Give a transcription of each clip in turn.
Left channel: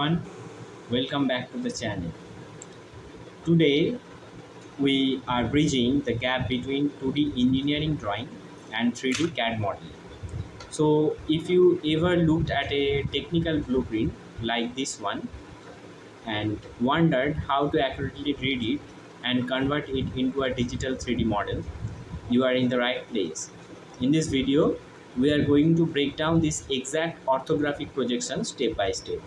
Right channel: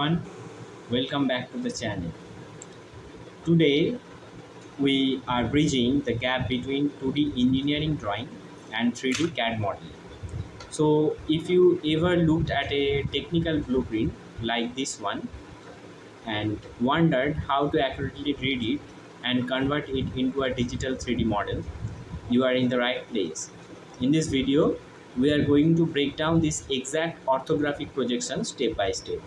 everyone, welcome back to the channel. Today we are bridging the gap between 2D engineering drawing and 3D CAD modeling. So if you ever looked at a technical blueprint like this one and wondered how to accurately read it and convert it into a digital 3D model, you are in the right place. In this video, we are going to break down this exact orthographic projection step by step,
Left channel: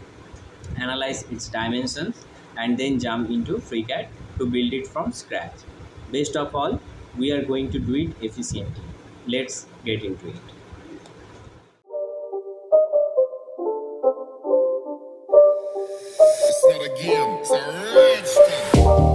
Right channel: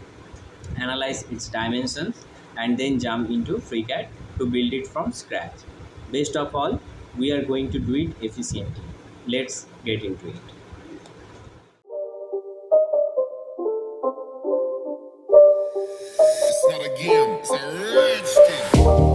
analyze its dimensions, and then jump into FreeCAD to build it from scratch. Best of all, we are going to do it efficiently. Let's get into it. It's not a game, it's a rich thing.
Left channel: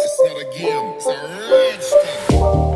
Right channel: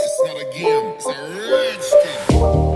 It's not a game, it's a rich thing.